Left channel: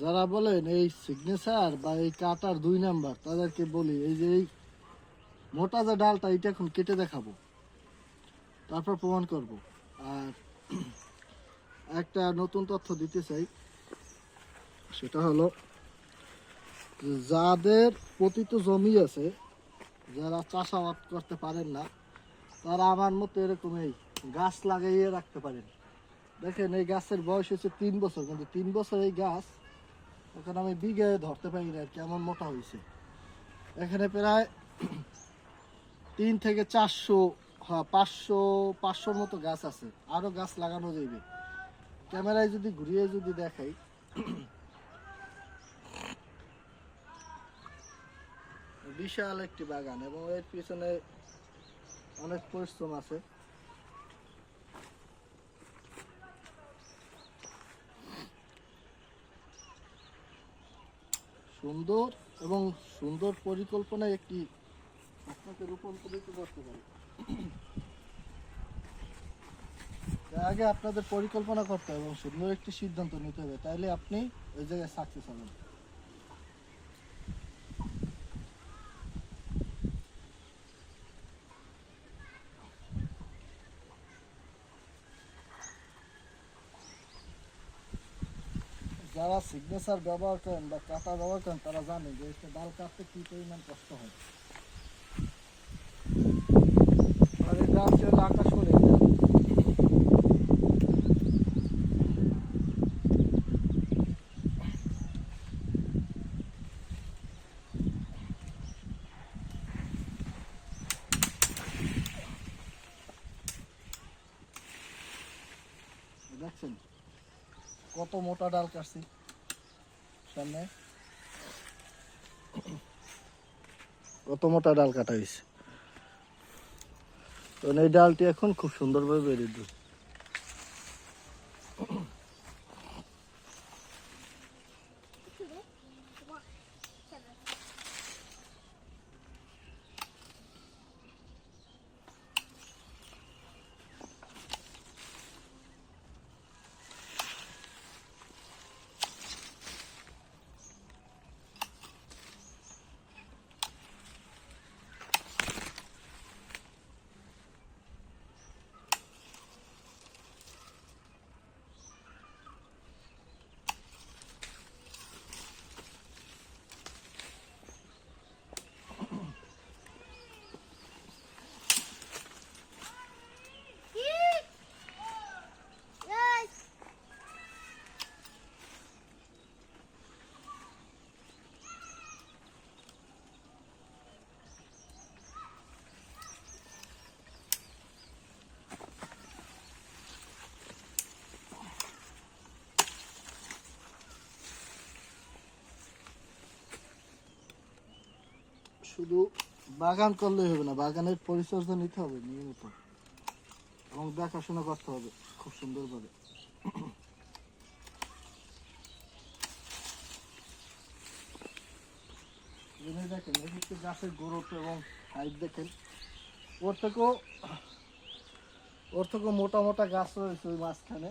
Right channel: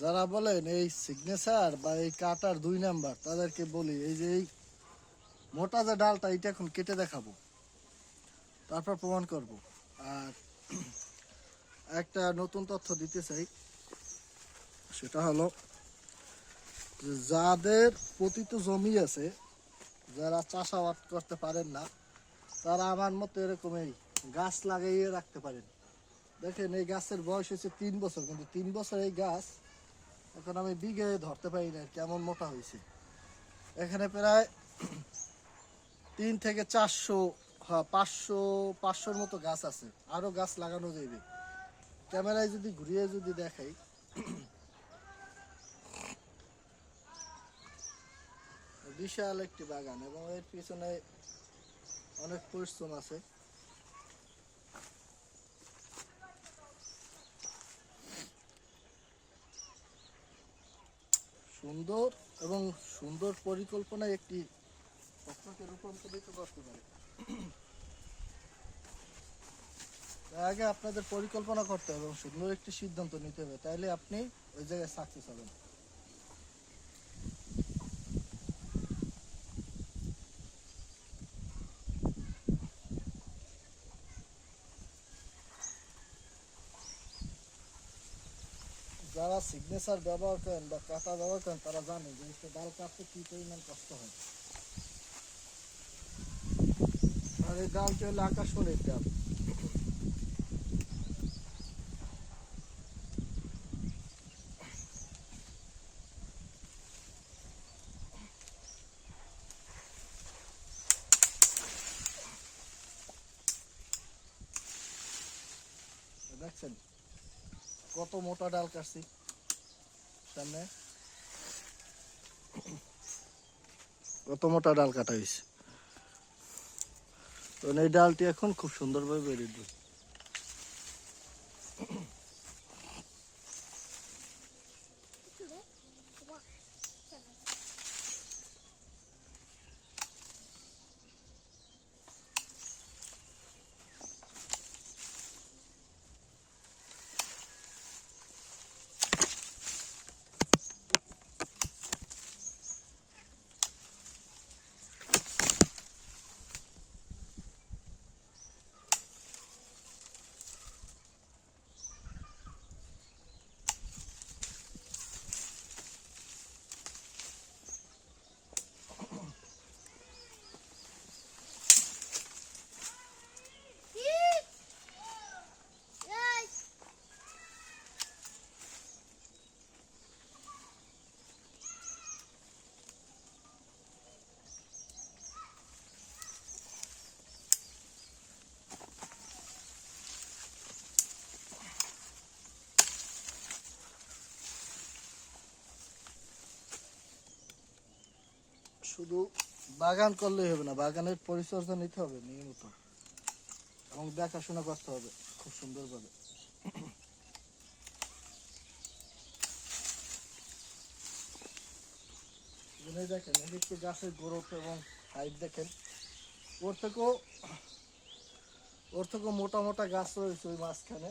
যারা বলেন এই সিগনেচার বা এই কাটার 2 নাম্বার তাদেরকে বলি এই যে এই মোটা যে ডালটা এটা এখন কেটে দেখাবো, তারপর প্রমাণ করব। আর একটা নতুন তথ্য দিতে চাই, সেটা হলো যাদের পতিত জমি আছে, যারা চাষাবাদ করতে পারেন না, তারা আমার মতো এরকমই গাছ লাগাইয়ে রাখতে পারেন। দেখেন এই গাছের বয়স হচ্ছে 3 বছর, কিন্তু 3 বছর এই গাছ এখন আমি বিঘে ধরতে পারি না কেমন মোটা হয়েছে। এখানে প্রায় 3 থেকে 400, হ্যাঁ 500-500-র মতো গাছ আছে, আরও গাছ লাগানো যাবে। ক্যামেরায় যদি ঘুরিয়ে যদি দেখাই, বিশাল একটি বাগান এবং এর পিছনে অনেক পরিশ্রম আছে। সুন্দর এবং সুন্দর পরিকল্পনায় একটি আপনাকে রূপান্তরিত করতে পারে। তার আগে আপনাদের পরিকল্পনা করতে হবে এবং সুন্দর একটি সিদ্ধান্ত নিতে হবে, তাইলে আপনি ওই জায়গায় সাকসেস হবেন। যারা সিগনেচার ব্যবহার করেন বা কাটা ব্যবহার করেন তারা জানেন যে একটা ডাল কাটতে কী পরিমাণ কষ্ট হয়। আর এই ডাল চলে আকাশ করে দেখছেন কত মোটা ডাল কাটছি সামনে, কত মোটা ডাল কাটা হয়েছে। তো এই ডালটি এখন খুব সুন্দরভাবে বেরিয়ে দিল। শুধু বাগান করলেই হবে না, বাগানের পরিচর্যা নিতে হবে নিয়মিত এবং দেখাশোনা করতে হবে খুব সুন্দরভাবে। দেখেন এদিকে গাছের গ্রোথ এবং হাইট দেখেন, ওর থেকেও মোটা মোটা গাছ রয়েছে ওই মাঝখানে।